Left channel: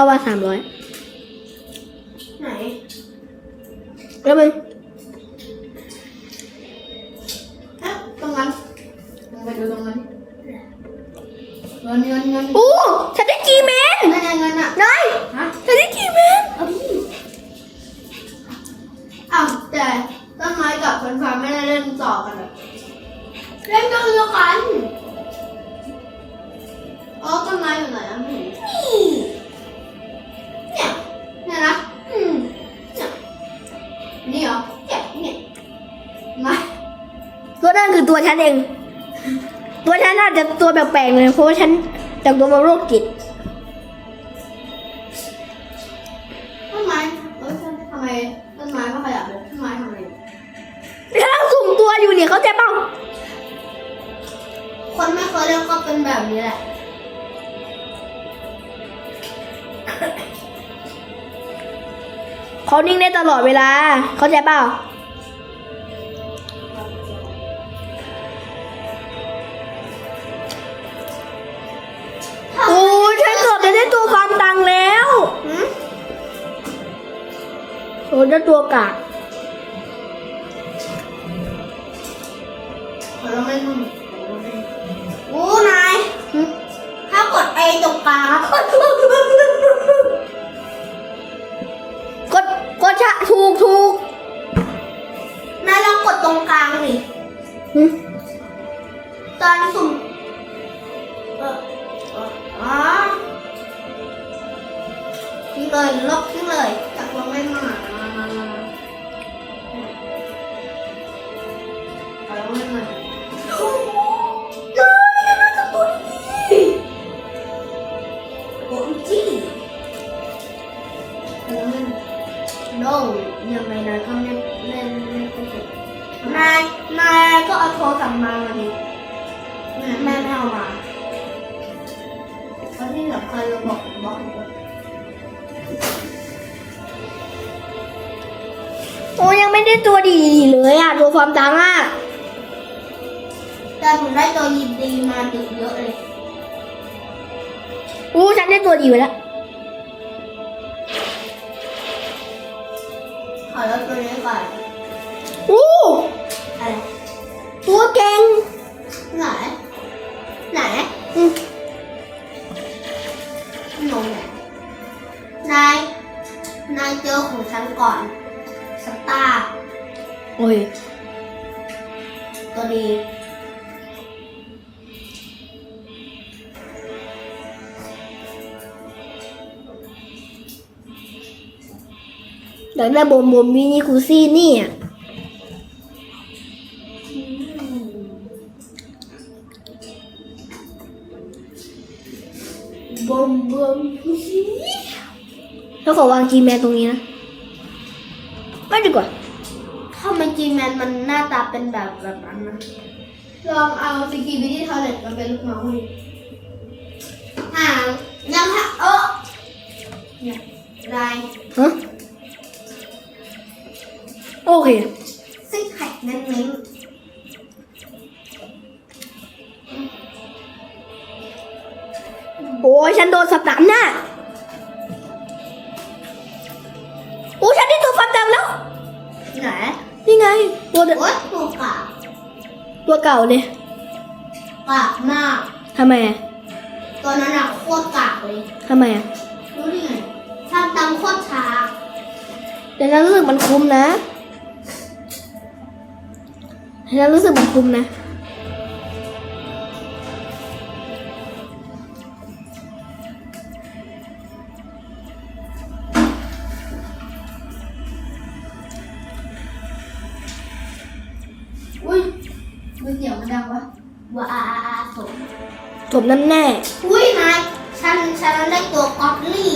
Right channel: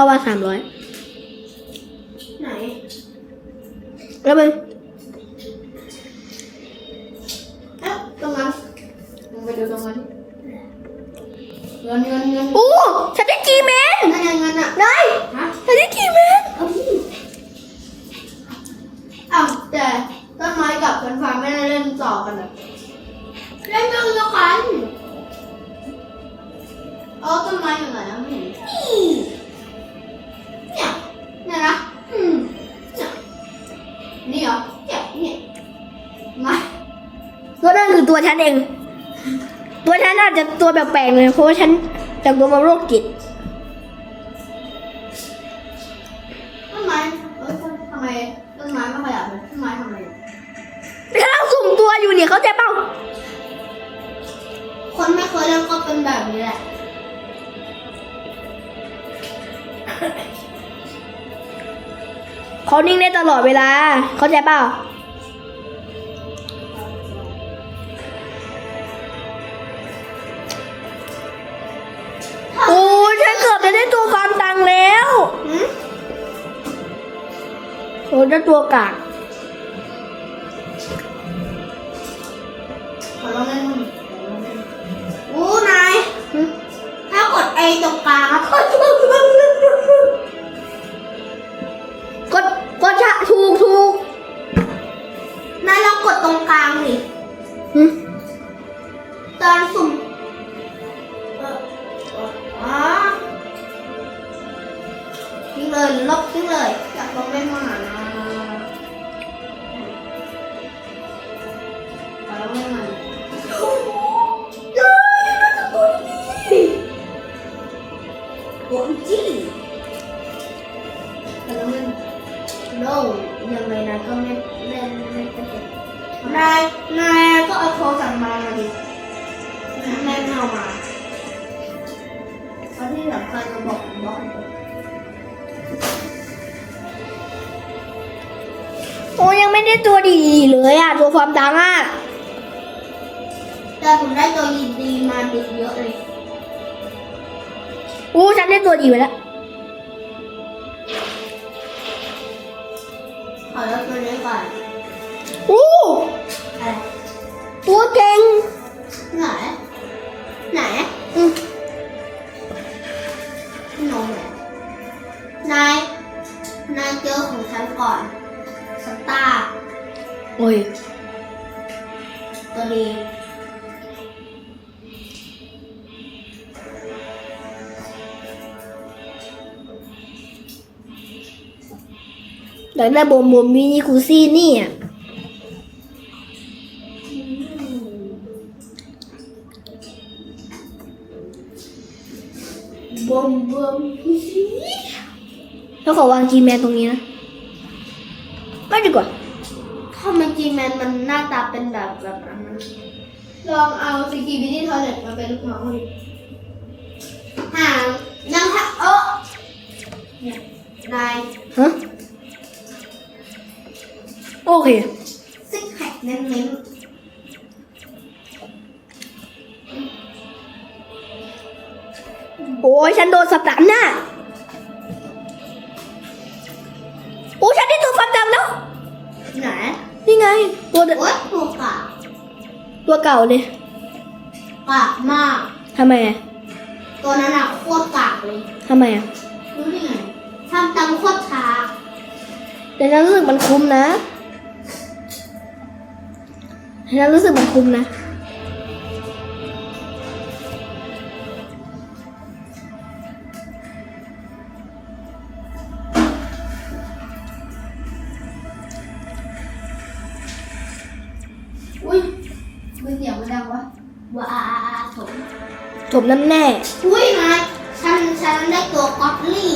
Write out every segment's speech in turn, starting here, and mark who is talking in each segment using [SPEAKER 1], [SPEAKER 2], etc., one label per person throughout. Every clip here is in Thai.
[SPEAKER 1] ราคาว่าสามร้อย
[SPEAKER 2] ไหน
[SPEAKER 1] แล้วมัน ฉัน
[SPEAKER 2] เอ
[SPEAKER 1] ง ตัวฉันอาจจะตัวแปลกๆเลยเพราะว่าฉันจากตัวมาโรคจิต
[SPEAKER 2] ต้นไม้เอ้ยทำไมต้นไม้ไม่ขยับเลยต้นไม้ทำไม
[SPEAKER 1] กำลังสุ่มตัวอยู่เนี่ยเขาใจเปล่า
[SPEAKER 2] คนไม่เคยเล่นก็เป็นแบบนี้แหละ
[SPEAKER 1] เขานิ่งได้ตลอดเวลา เขาใจเปล่า ได้ตัวกาก
[SPEAKER 2] ขอลองเล่นดูโอ้นาย
[SPEAKER 1] หึ
[SPEAKER 2] ถ้ากดไอ้ตรงกลาง ตั
[SPEAKER 1] วดีเลยอะตัวฟาร์มตังค์อะ
[SPEAKER 2] แต่ผมได้ตัวยินดีมาติดเยอะเลย
[SPEAKER 1] อู้ฉันได้ตัวดีไปแล้ว
[SPEAKER 2] ขอแล้วตัวนี้ก่อน
[SPEAKER 1] อู้
[SPEAKER 2] อะไร
[SPEAKER 1] ตัวเก่ง
[SPEAKER 2] ไหนไหน
[SPEAKER 1] อืม
[SPEAKER 2] งงไหนนายนายเจอของฉันก่อนสตาร์
[SPEAKER 1] โอ้ ย
[SPEAKER 2] ตัวดี
[SPEAKER 1] อยากได้โบมโบมมินิคูซี่นี่อะ
[SPEAKER 2] บอมบอม
[SPEAKER 1] แล้วขอวางจีแมนตรงนี้นะ ไม่ดีกว่า
[SPEAKER 2] ถ้ามันจีแมนมันหน้าตาเป็นแบบแบบนั้นนะลองเอาสกีบิดี้ทอเลตมาเป็นลูกน้องดิห่างยังค่ะเออเนี่ยนาย
[SPEAKER 1] ฮะโอเค
[SPEAKER 2] ซิกแพคเน้น
[SPEAKER 1] โอ้ยฉันโดนสับตันน่ะโอ้ยฉันได้ตัวฟาร์มตังค์แล้ว
[SPEAKER 2] ๆไหน
[SPEAKER 1] นี่ไง ตัวเด
[SPEAKER 2] โอ๊ยถูกกะ
[SPEAKER 1] ตัวเก่าเลย
[SPEAKER 2] กากมาก
[SPEAKER 1] ทำไมอะ
[SPEAKER 2] ตัวนั้นอะโคตรกากเลย
[SPEAKER 1] ทำไมอะ
[SPEAKER 2] รู้ได้ไงทำตามโคตรช้า
[SPEAKER 1] แต่ฉันรู้สึกมันคุ้มนะฉันรู้สึกมันคุ้มนะ
[SPEAKER 2] ถม
[SPEAKER 1] น้ำแน่
[SPEAKER 2] อุ้ยนายฉันฉันได้ตัวก๊อตลี่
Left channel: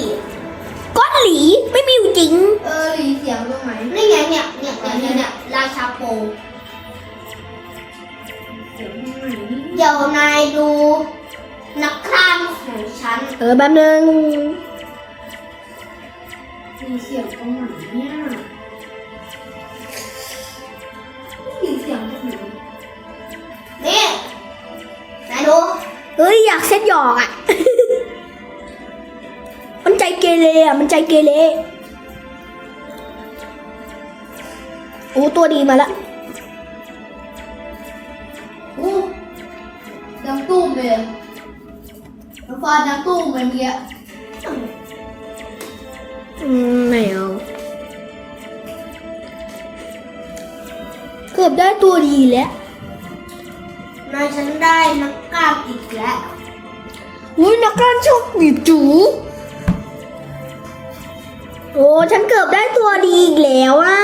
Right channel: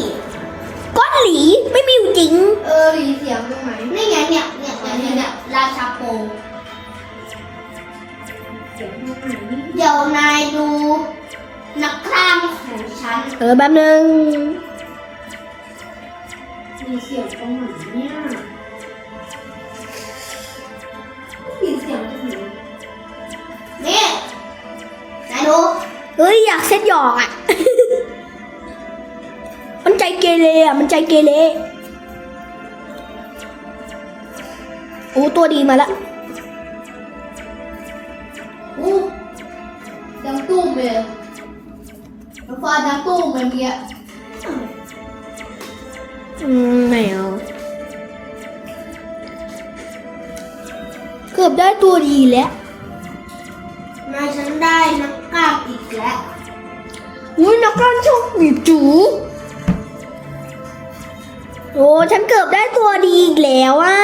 [SPEAKER 1] ก้อนหลีไม่มีอยู่จริง
[SPEAKER 2] เออหลีเสียงตรงไหนนี่ไงเนี่ยเนี่ยเนี่ยเนี่ยเนี่ยราชาโปเดี๋ยวนายดูนักฆ่าของฉัน
[SPEAKER 1] เออแป๊บนึง
[SPEAKER 2] มีเสียงตรงไหนเนี่ยมีเสียงตรงไหนเนี่ยนายรู้
[SPEAKER 1] เฮ้ยอยากเซ็ตหยอกอะ มันใจเกเรอะ มันใจเกเรโอ้ตัวดีมาละ
[SPEAKER 2] อู้ดังตุ้มเลยมันฟาดดังตุ้มเลยเมื่อกี้
[SPEAKER 1] อืมไม่เอาเกือบได้ตัวดีแล้ว
[SPEAKER 2] อุ้
[SPEAKER 1] ยนักการโชคหนีบจูโอ้ฉันเกือบได้ตัวดีอีกแล้วอะ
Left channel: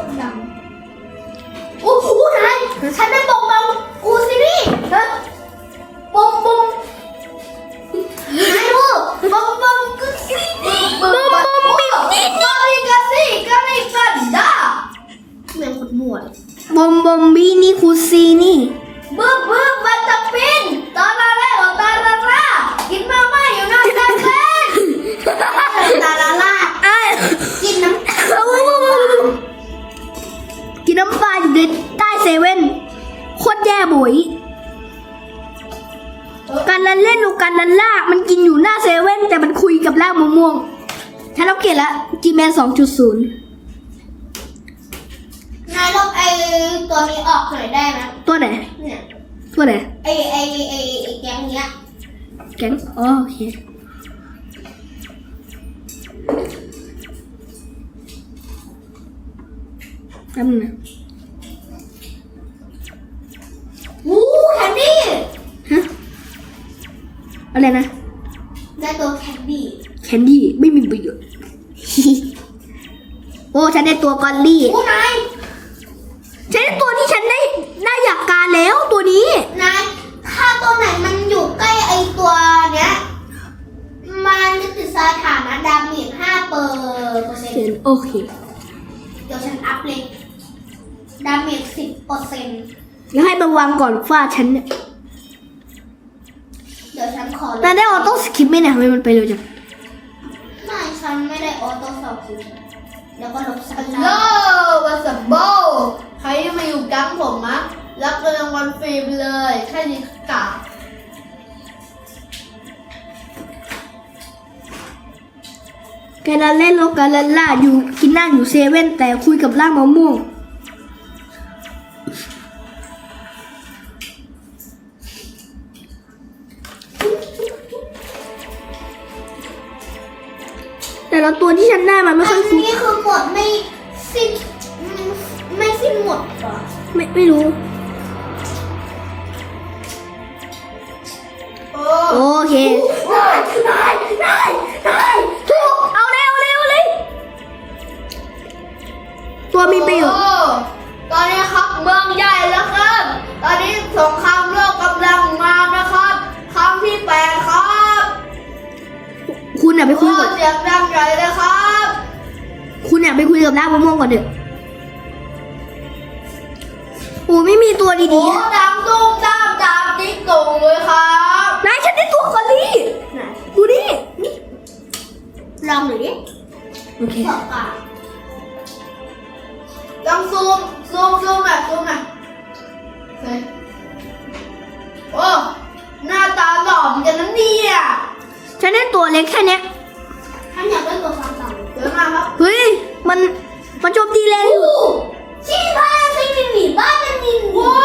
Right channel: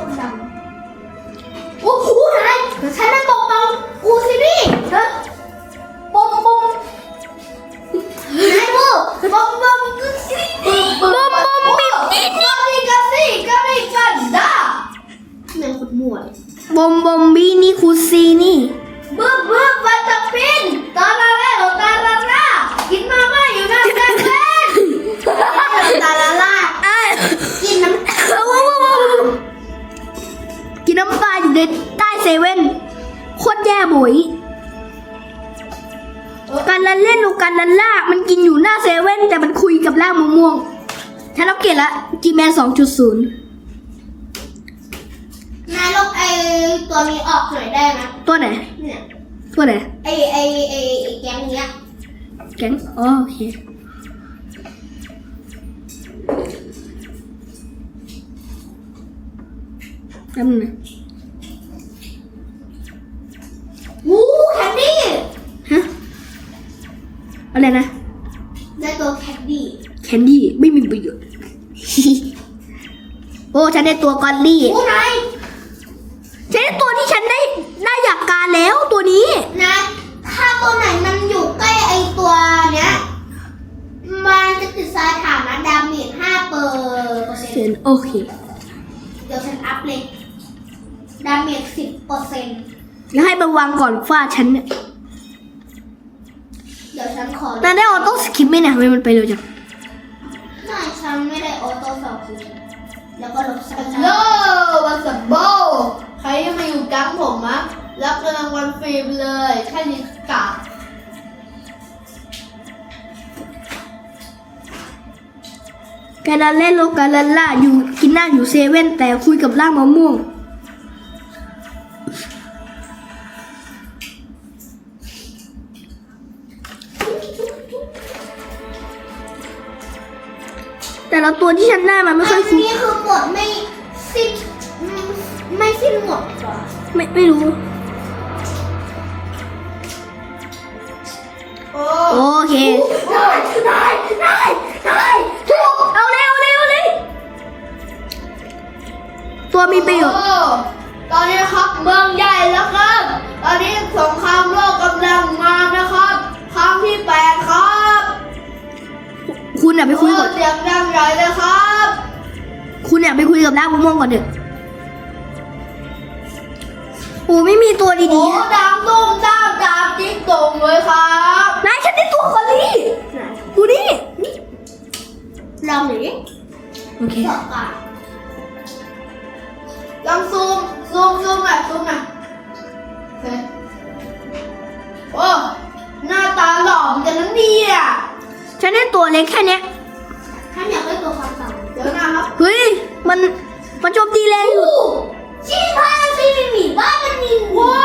[SPEAKER 2] ต้มดำอู้หูนายฉันได้ปกป้อก นส
[SPEAKER 1] องจุดศูนย์
[SPEAKER 2] นายลบไอตัวนี้ออกหน่อยได้ไหม
[SPEAKER 1] ตัวไหน
[SPEAKER 2] เนี่ย
[SPEAKER 1] ตัวไหน
[SPEAKER 2] ไอไอไอไอแก๊งเนี้ย
[SPEAKER 1] แก๊งอ๋อโอเค แป๊บนึงนะ
[SPEAKER 2] วู้แคนดี้
[SPEAKER 1] ฮะ อะไรนะ
[SPEAKER 2] ได้ตัวแคนดี้
[SPEAKER 1] แคนดี้ไม่มีประโยชน์โอ้ฉันได้ตัวกอลลี่
[SPEAKER 2] วู้นาย
[SPEAKER 1] ฉันได้ตัวที่ฉันได้ได้อยากการแล้วตัวนี้
[SPEAKER 2] นายถ้าตัวไหนมันอยู่ใกล้ไอตัวเนี้ยมันจะติดสถานะดาเมจห้าเปอร์เปอร์เซ็น
[SPEAKER 1] เซ็น
[SPEAKER 2] ต์
[SPEAKER 1] โอเค
[SPEAKER 2] เดี๋ยวฉันอัพเลยดาเมจสิบเปอร์เซ็นต์
[SPEAKER 1] แล้วให้บางวางก่อนฟาดฉันเนี่ย
[SPEAKER 2] เดี๋ยวฉันขอ
[SPEAKER 1] นายได้ออโต้สคิปไหมเนี่ยทำไมมันไปเร็วจัง
[SPEAKER 2] เดี๋ยวก็ลบสักโลวันสับโบใครที่มาอยู่กั๊งผมอะรับรางวัลฟรีไปเลย แค่นี้กะ
[SPEAKER 1] การเล่นโลกาลาล่าอยู่กินหน้าอยู่เซเว่นแต่คุยกับร่างมะม่วง แต่ละตัวที่ฉันได้มาไม่ค่อย
[SPEAKER 2] อัน
[SPEAKER 1] คุ้ม
[SPEAKER 2] นี้คือหมดไม่สิ้นไม่ไม่สิ้นหมดเหรอ
[SPEAKER 1] ไม่ไม่รู้
[SPEAKER 2] โอ้
[SPEAKER 1] โอเค
[SPEAKER 2] ได้ได้ได้ถูก
[SPEAKER 1] เอาเลยเอาเลยเอาเลย ตัวมีประโยชน์
[SPEAKER 2] โอ้ตอนนี้ครับเมืองใหญ่แล้วครับ ตอนนี้สงครามโลกกำลังมานะ
[SPEAKER 1] ไปคุย
[SPEAKER 2] โอ้
[SPEAKER 1] ก่อน
[SPEAKER 2] เสียงดังใหญ่เลยครับ
[SPEAKER 1] คุณอะไปคุยกับร่างมะม่วงก่อนเถอะโอ้ไม่มีตัว
[SPEAKER 2] โอ้
[SPEAKER 1] ดีๆ
[SPEAKER 2] ดังตุ้มตามตามติ๊กตรงเลยครับ
[SPEAKER 1] นายฉันได้ตัวคอลลี่ดูนี่
[SPEAKER 2] ลองหน่อยดิ
[SPEAKER 1] โอเค
[SPEAKER 2] ต่อไปลองซูม ซูมซูมแบบซูมอะโอเคโอ้ หน้าตาหล่อเหมือนกันนะเนี่ย
[SPEAKER 1] ฉันได้ตัวเล็กแค่เนี้ย
[SPEAKER 2] เดี๋ยวนะครับ
[SPEAKER 1] เฮ้ย มัน มันโจมตีแรงอยู่
[SPEAKER 2] ชี้พาซีมีหมีบ้านมันนินว้า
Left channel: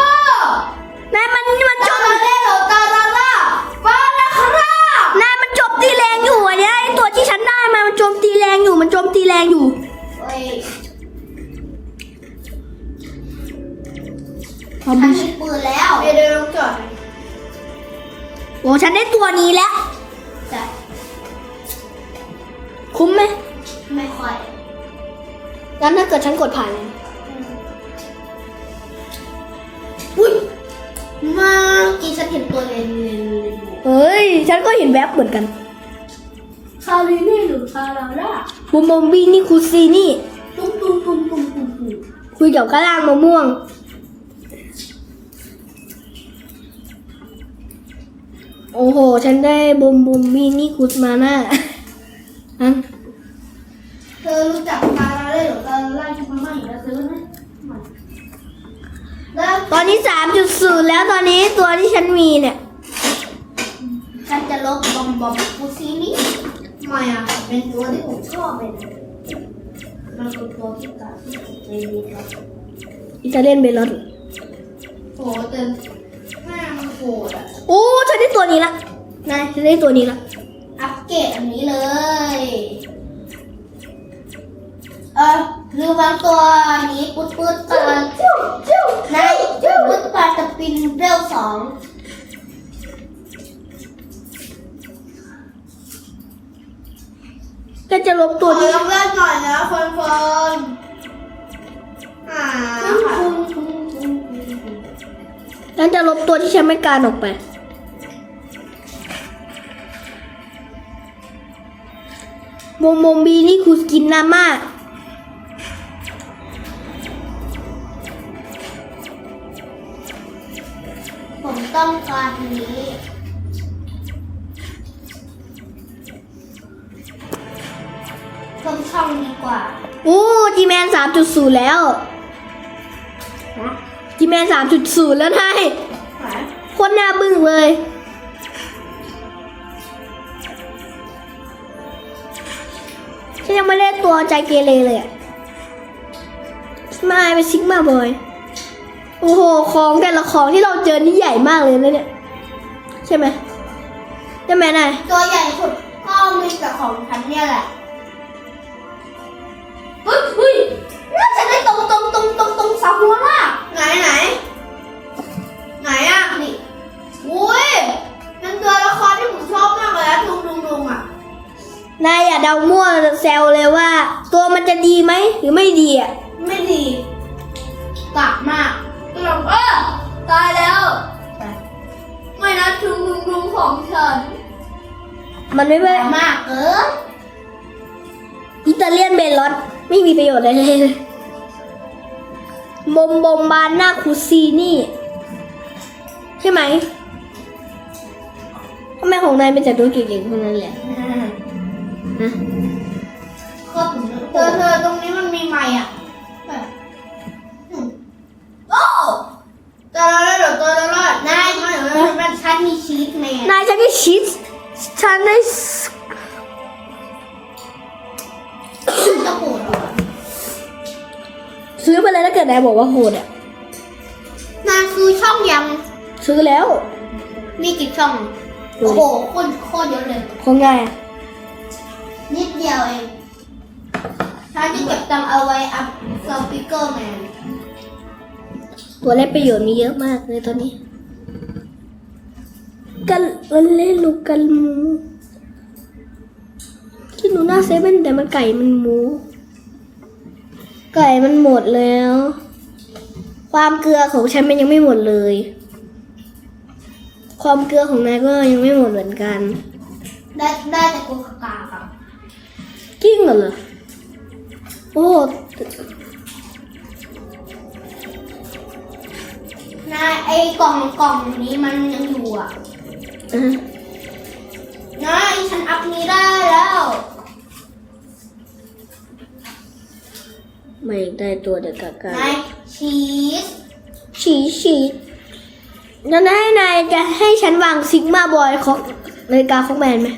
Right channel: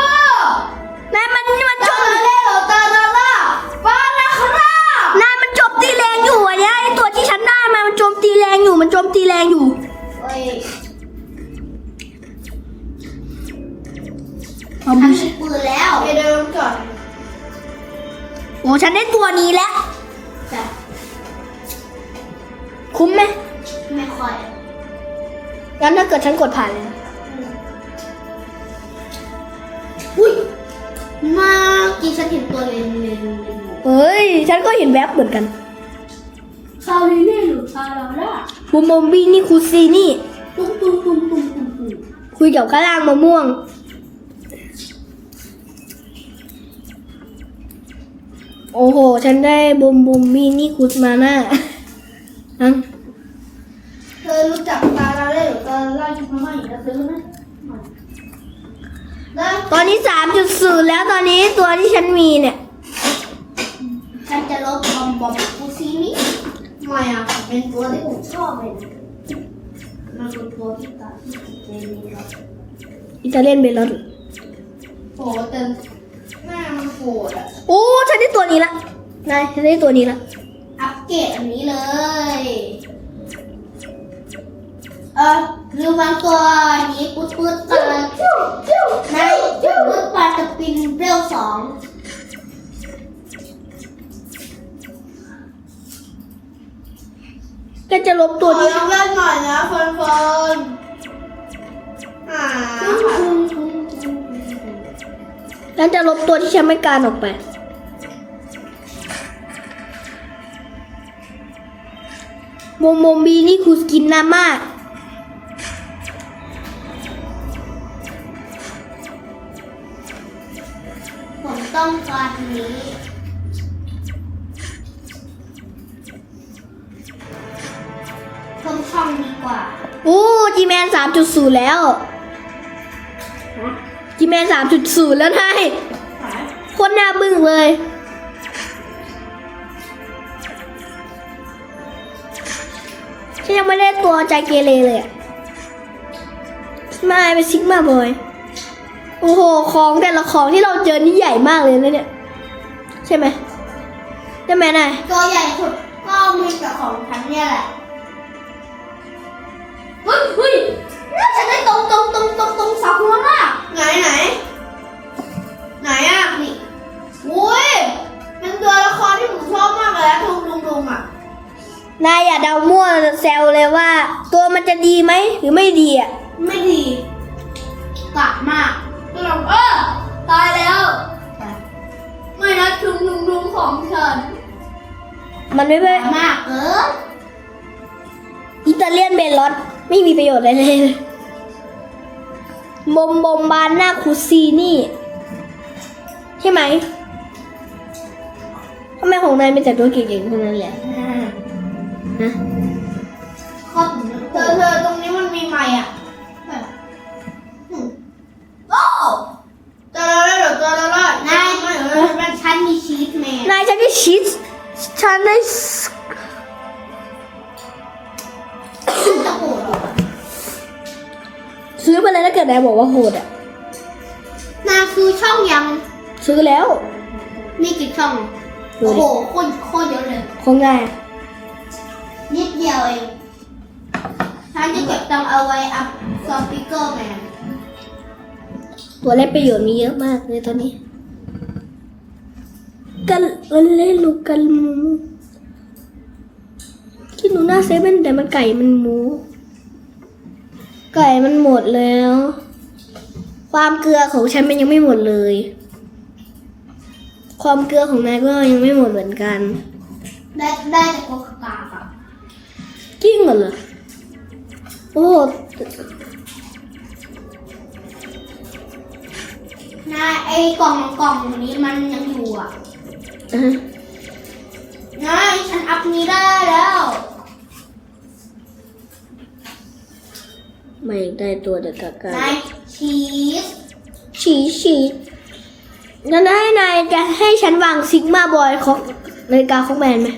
[SPEAKER 2] วนา
[SPEAKER 1] ยมันมันโจ
[SPEAKER 2] ตามมาเล่เหรอตาลาล่าบ้านนะครับ
[SPEAKER 1] นายมันโจมตีแรงอยู่อันเนี้ยไอตัวที่ฉันได้มา มันโจมตีแรงอยู่ มันโจมตีแรงอยู่
[SPEAKER 2] เฮ้ย
[SPEAKER 1] เอา
[SPEAKER 2] ฉั
[SPEAKER 1] บู
[SPEAKER 2] น
[SPEAKER 1] ช
[SPEAKER 2] มีปืนแล้วเดี๋ยวเดี๋ยวลงจอด
[SPEAKER 1] โอ้ฉันได้ตัวนี้แล้ว
[SPEAKER 2] แต่
[SPEAKER 1] คุ้มไหม
[SPEAKER 2] ไม่ค่อย
[SPEAKER 1] งั้นถ้าเกิดฉันกดผ่านเลยนะ
[SPEAKER 2] อุ้ยมากี่ฉันเห็นตัวเลนเลนเลน
[SPEAKER 1] เฮ้ย ฉันก็เห็นแวบเหมือนกัน
[SPEAKER 2] ซาลีนี่หรือซาลาล่า
[SPEAKER 1] บูมบอมบี้นี่คูซีนี่
[SPEAKER 2] ตุ้มตุ้มตุ้มตุ้มตุ้มตุ้ม
[SPEAKER 1] คุยกับกระล่างมะม่วง โอ้โห ฉันได้บูมบูมบี้นี่คุดมาหน้านั่น
[SPEAKER 2] เธอรู้จัก แล้ว
[SPEAKER 1] ตอนนี้สามจุดศูนแล้วตอนนี้ตัวที่ฉันมีเนี่ย
[SPEAKER 2] ฉันจะลบบอมบอมกูซีนี้
[SPEAKER 3] ทำ
[SPEAKER 2] ไมอะเป็นตัวที่ผมชอบเลยป็นตัวที่ตาที่ผมเจอดีนะ
[SPEAKER 1] อิตาเลียนเบลล์น
[SPEAKER 2] โหแต่หน้ามันโหดอะ
[SPEAKER 1] โอ้ฉันได้ตัวนี้ละนายฉันได้ตัวนี้ละ
[SPEAKER 2] อัพเกรดอันนี้เลย เออ ลืมบางตัวนี้ปุ๊ดปุ๊ดปลาในปุ๊ดปลาจะปินเร็วสอง
[SPEAKER 1] ก็จะลบตัวนี้
[SPEAKER 2] ขอเล่นหน่อยนะฟันฟันอ่า
[SPEAKER 1] แล้วจะลบตัวที่ฉันไม่การออกไป โมโมบีนี่คือสกินหน้ามาก 3.0 แล้ว จีแมน3.0 แล้ว
[SPEAKER 2] ไง
[SPEAKER 1] คนหน้าบึ้งเลย ฉันยังไม่ได้ตัวใจเกเรเลยอมาไป็นซิกมาบอย โอ้โห ของแต่ละของที่เราเจอนี่ใหญ่มากเลยนะเนี่ย ใช่ไหมใช่ไมนาย
[SPEAKER 2] ตัวใหญ่สุดก็มีแต่ของฉันเนี่ยแหละ เฮ้ย เฮ้ยน่าจะได้ตรงตรงตรงตรงตรงเสาข้างล่างไหนไหนไหนอะนี่อุ้ยเป็นตัวละครที่ผมชอบมากเลยอะทุงทุงทุงอะ
[SPEAKER 1] นายอย่าเดามั่วแซวเลยว่า ตัวมันจะดีไหมหรือไม่ดีอะ
[SPEAKER 2] ไม่ดีกะมากก็ลองเออตายแล้วไม่นะทุงทุงทุงของฉัน
[SPEAKER 1] มันไม่เป็น
[SPEAKER 2] มากเออ
[SPEAKER 1] อิตาเลียนเบลลอสไม่มีประโยชน์อะไรเลย บมบมบานหน้าคูซีนี่ ใช่ไหมทำไมของนายเป็นแต่ตัวเก่งๆเทั้งนั้นแหละฮะ
[SPEAKER 2] ก็เธอเธอตรงนี้มันมีไงอะแบบอืมโอ้เจอแล้วเดี๋ยวเจอแล้วนายมันมันฉันมีชีสแมน
[SPEAKER 1] นายฉันได้ชิดฉันได้ ถ้าเกิดนายบอกว่าโหดอะ
[SPEAKER 2] นายคือช่องยัง
[SPEAKER 1] ซื้อแล้ว
[SPEAKER 2] มีกี่ช่อง
[SPEAKER 1] ดู
[SPEAKER 2] โอ้
[SPEAKER 1] ดิ
[SPEAKER 2] โหโคตรโคตรเยอะเลย
[SPEAKER 1] คงง่าย
[SPEAKER 2] นิดเดียวเองฉันจะเก็บตังค์เอาไว้อัพซอปิเกอร์แมน
[SPEAKER 1] ตัวเล่นประโยชน์มีเยอะมากเลยตอนนี้กันเล่นลูกกันหมูคิดหนูหน้าเซเว่นแต่มันไก่มันหมู ไก่มันหมดแล้ว ความเกลือของฉันมันยังไม่หมดเลย ความเกลือของนายก็ยังไม่หมดเหมือนกัน
[SPEAKER 2] ได้ได้แต่โกคากาครับ
[SPEAKER 1] จริงเหรอโอ้
[SPEAKER 2] นายไอ้กล่องกล่องนี้มันยังอยู่อะ
[SPEAKER 1] อะ
[SPEAKER 2] นายฉันอัพนี้ได้แล้ว
[SPEAKER 1] ไม่ได้ตัวเด็กกากานา
[SPEAKER 2] ยชีส
[SPEAKER 1] ฉีฉีงั้นให้นายจะให้ฉันวางซิกมาบอยของนาฬิกาของแมนไหม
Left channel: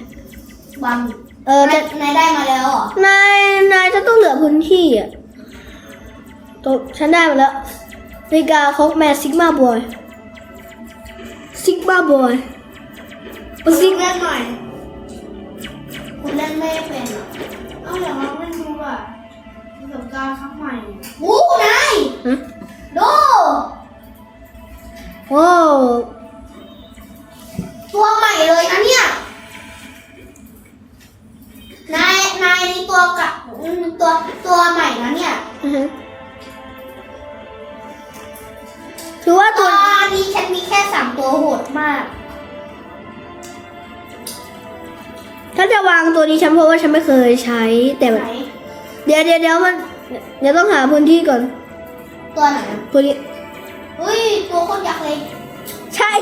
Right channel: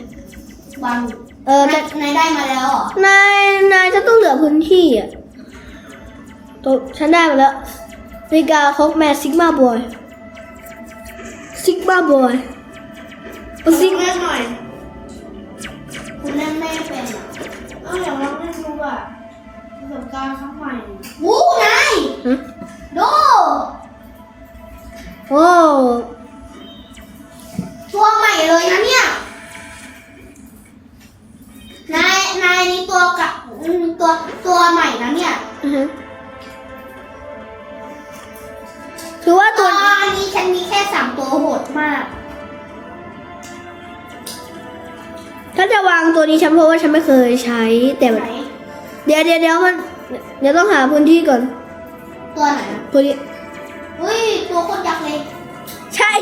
[SPEAKER 2] บาง
[SPEAKER 1] เออแต่
[SPEAKER 2] นายได้มาแล้วเหรอนา
[SPEAKER 1] ยนายจะต้องเหลือพื้นที่อะตัวฉันได้มาแล้วนาฬิกาของแมนซิกมาบอยซิกมาบอยซิ
[SPEAKER 2] ซิ
[SPEAKER 1] ก
[SPEAKER 2] งเล่นหน่อยคุณเล่นไม่เป็นอะเอาเดี๋ยวเราเล่น ดูอะประสบการณ์ครั้งใหม่บู๊นาย
[SPEAKER 1] ฮะ
[SPEAKER 2] ดู
[SPEAKER 1] โอ้
[SPEAKER 2] ตัวใหม่เลยนะเนี่ยนายนายนี่ตัวกับอืมตัวตัวใหม่นะเนี่ย
[SPEAKER 1] อือฮะคือว่า
[SPEAKER 2] ตั
[SPEAKER 1] ตัวว
[SPEAKER 2] นี้ฉันมีแค่สามตัวโหดมาก
[SPEAKER 1] ถ้าจะวางตัวนี้ฉันเพราะว่าฉันไม่เคยใช้แต่แบบ
[SPEAKER 2] ไหน
[SPEAKER 1] เดี๋ยวเดี๋ยวเดี๋ยวมัน เดี๋ยวต้องหาพื้นที่ก่อน
[SPEAKER 2] ตัวไหน
[SPEAKER 1] พื้นที่
[SPEAKER 2] อุ้ยตัวคนยักษ์เลย
[SPEAKER 1] ใช่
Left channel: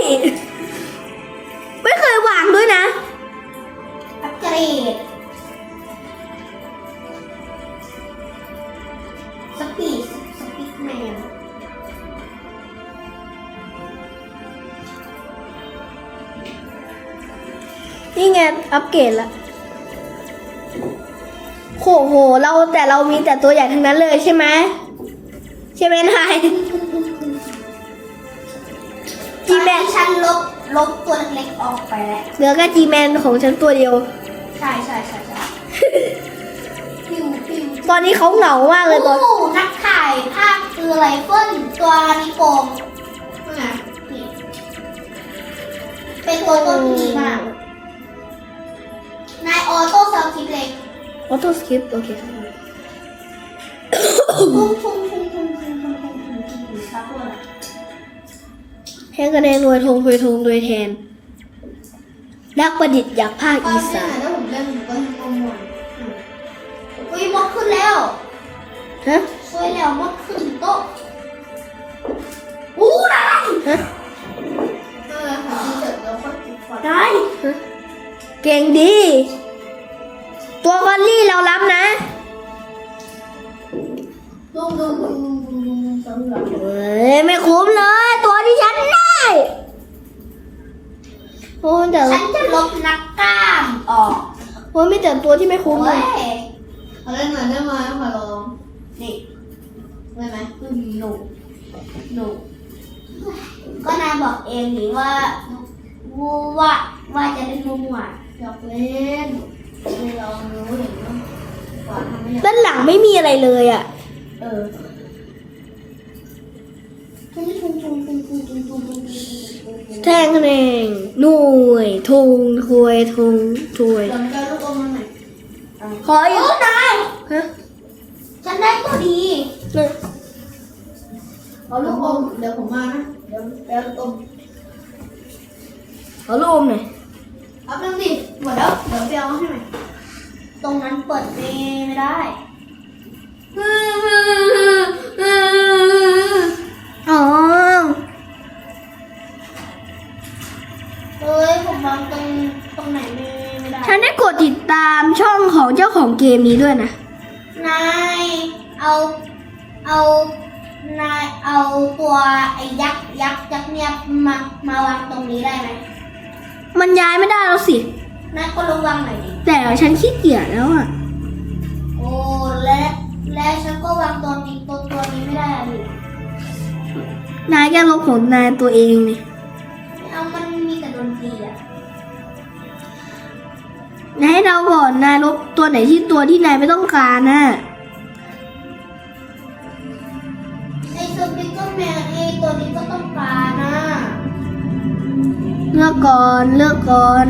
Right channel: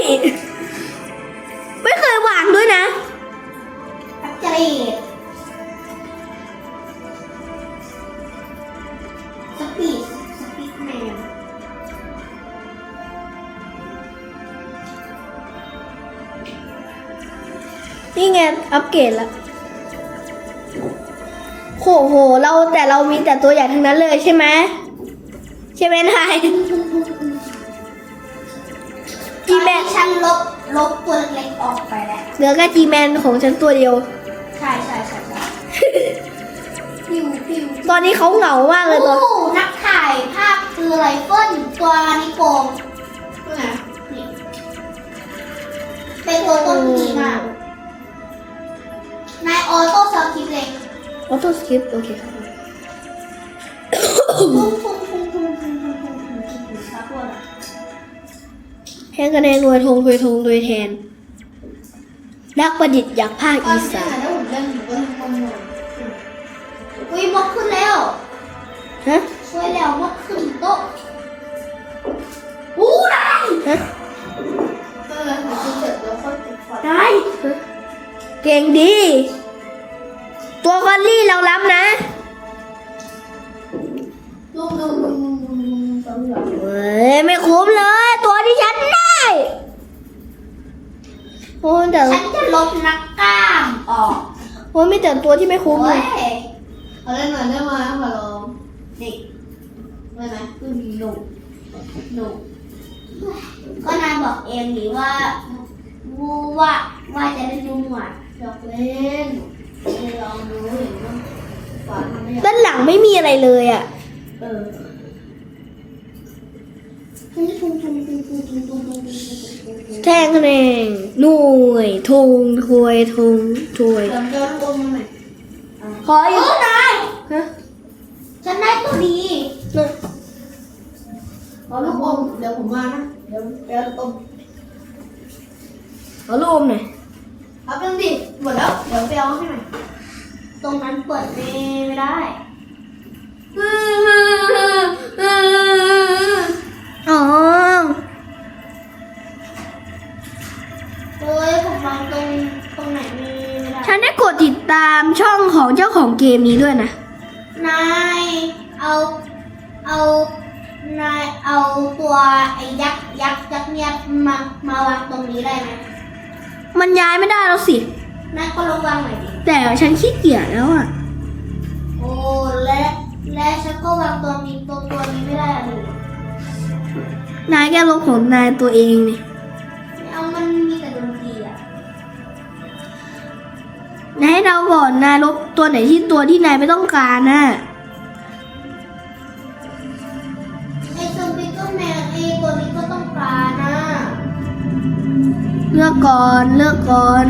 [SPEAKER 1] ไม่เคยวางด้วยนะ
[SPEAKER 2] อัปเกรดสปีดสปีดแมน
[SPEAKER 1] นี่ไงอัปเกรดละ โหโห เราแต่เรามีแต่ตัวใหญ่ทั้งนั้นเลยใช่ไหมใช่ไหมนายจีแมน
[SPEAKER 2] ฉันลบลบตัวเล็กๆออกไปแล้ว
[SPEAKER 1] เหลือแค่จีแมนของฉันตัวเดียว
[SPEAKER 2] ใช่ใช่ใช่ใช่พิวพิว
[SPEAKER 1] ตอนนี้เขาเหงามากเลยตอน
[SPEAKER 2] โอ้นักถ่ายภาพคือไรเฟิลตัวนิโกงนี่นะนี่เป็นตัวต้นดีมากนายออโต้ซาวคลิปเล็ก
[SPEAKER 1] ออโต้สคริปต์โอเค
[SPEAKER 2] แทงกระ
[SPEAKER 1] แดนรวยทงรวยทงรวยแทน นักประดิษฐ์อยากภาคอีสาน
[SPEAKER 2] อุ้ยมกขึ้นแล้ว
[SPEAKER 1] ฮะ
[SPEAKER 2] ช่วยแล้วมกขึ้นโต๊ะอู้
[SPEAKER 1] ฮะ
[SPEAKER 2] อ้ยติได้
[SPEAKER 1] เก่งดี ตัวคอลลี่เรารับนะ
[SPEAKER 2] ลุงลุงลุงลุงลุงสำหรับ
[SPEAKER 1] เฮ้ยไม่คุ้มเลย ตัวที่ฉันได้โอ้ยแต่
[SPEAKER 2] ฉันจะลบนักกล้ามออก
[SPEAKER 1] โอ้ยมีแต่ตัวที่ไม่คุ้มเล
[SPEAKER 2] เฮ้
[SPEAKER 1] ย
[SPEAKER 2] ยเอาเล่นมาเล่นมาให้มาลองนี่ได้ไหมคือหนูหนูก็นายบอกเองหรือว่าว่าว่าจะได้ดูหมดอยากเล่นลองดูหรือว่าทำไม่อยาก
[SPEAKER 1] ด้านหลังไม่มีอะไรเลยอะ
[SPEAKER 2] เออ
[SPEAKER 1] แทงคะแนนหน่วยทงถวยทงถวย
[SPEAKER 2] ลองเจอลูกอมมาหน่อย
[SPEAKER 1] ขอ
[SPEAKER 2] เอ
[SPEAKER 1] อีก
[SPEAKER 2] อนาย
[SPEAKER 1] ฮะ
[SPEAKER 2] ฉันได้ตัวดี
[SPEAKER 1] หนึ่ง
[SPEAKER 2] เอาลูกอมเดี๋ยวผมมานะ เดี๋ยวเดี๋ยวลูกอม
[SPEAKER 1] ขอลูกอมหน่อย
[SPEAKER 2] เอาเป็นสิ หมดแล้ว เดี๋ยวไปเอาให้หน่อยตรงนั้นเปิดไม่ไม่ได้
[SPEAKER 1] อ๋อ
[SPEAKER 2] เอ้ยผมวางตรงตรงไหนไม่ได้
[SPEAKER 1] ฉันได้กดติดตามช่องของเจ้าของเกมนี้ด้วยนะ
[SPEAKER 2] นายเอาเอานายเอาตัวไอ้ยักษ์ยักษ์ยักษ์เนี่ยมามาวางตรงนี้ได้ไหม
[SPEAKER 1] มันย้ายไม่ได้แล้วสิ
[SPEAKER 2] นายก็ลองวางหน่อยดิ
[SPEAKER 1] แต่ฉันขี้เกียจแล้วอะ
[SPEAKER 2] โอ้และและฉันก็วางตัวนี้ตัวตัวนี้ไม่ได้อะดิ
[SPEAKER 1] นายแกลบของนายตัวเองนี่
[SPEAKER 2] เอามันมีแต่ดนตรีอะ
[SPEAKER 1] นายให้เราก่อนนายลบตัวไหนที่ตัวที่นายไม่ต้องการน่ะ
[SPEAKER 2] ไอ้ซอมบี้ก็แมวไอ้ตัวนี้ก็ต้องการนะ
[SPEAKER 1] เลือกก่อน เลือกก่อน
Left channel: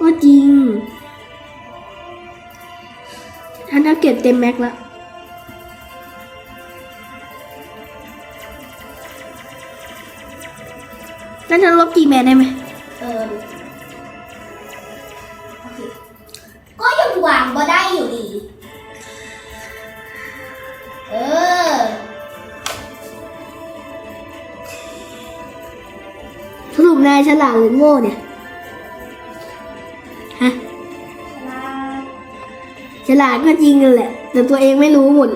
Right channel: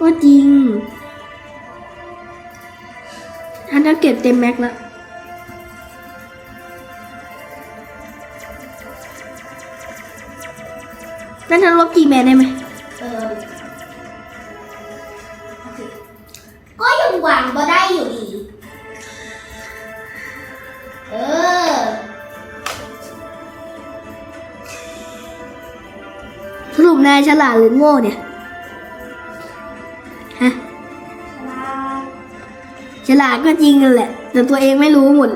[SPEAKER 1] ก็จริงฉันจะเก็บเต็มแม็กซ์แล้วนั่นฉันลบจีแมนได้ไหม
[SPEAKER 2] เออโอเคก็ยังวางก็ได้อยู่ดี เออ
[SPEAKER 1] สรุปนายฉลาดหรือโง่เนี่ย ฮะฉลาดก็จริงนั่นแหละ แต่ตัวเองไม่รู้หมด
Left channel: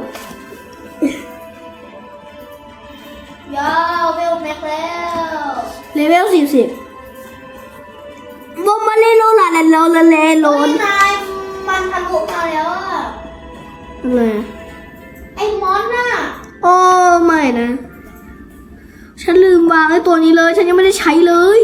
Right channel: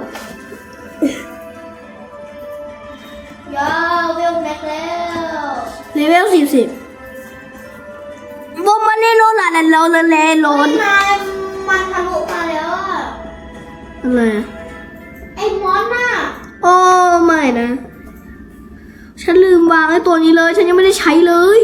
[SPEAKER 2] ยาวเวลแม็กแล้ว
[SPEAKER 1] เลเวลสี่สิบบอมมาเล่นโลลาแลนโลลาแลนโลน
[SPEAKER 2] นายมันทะลุมาแล้วอะ
[SPEAKER 1] อะไรอะ
[SPEAKER 2] ไอ้มอนน่ะ
[SPEAKER 1] โอ้ไม่นะ ฉันลืมวางไอ้ตัวนี้เลย ฉันยังไม่ได้ใช้เลย
[SPEAKER 2] น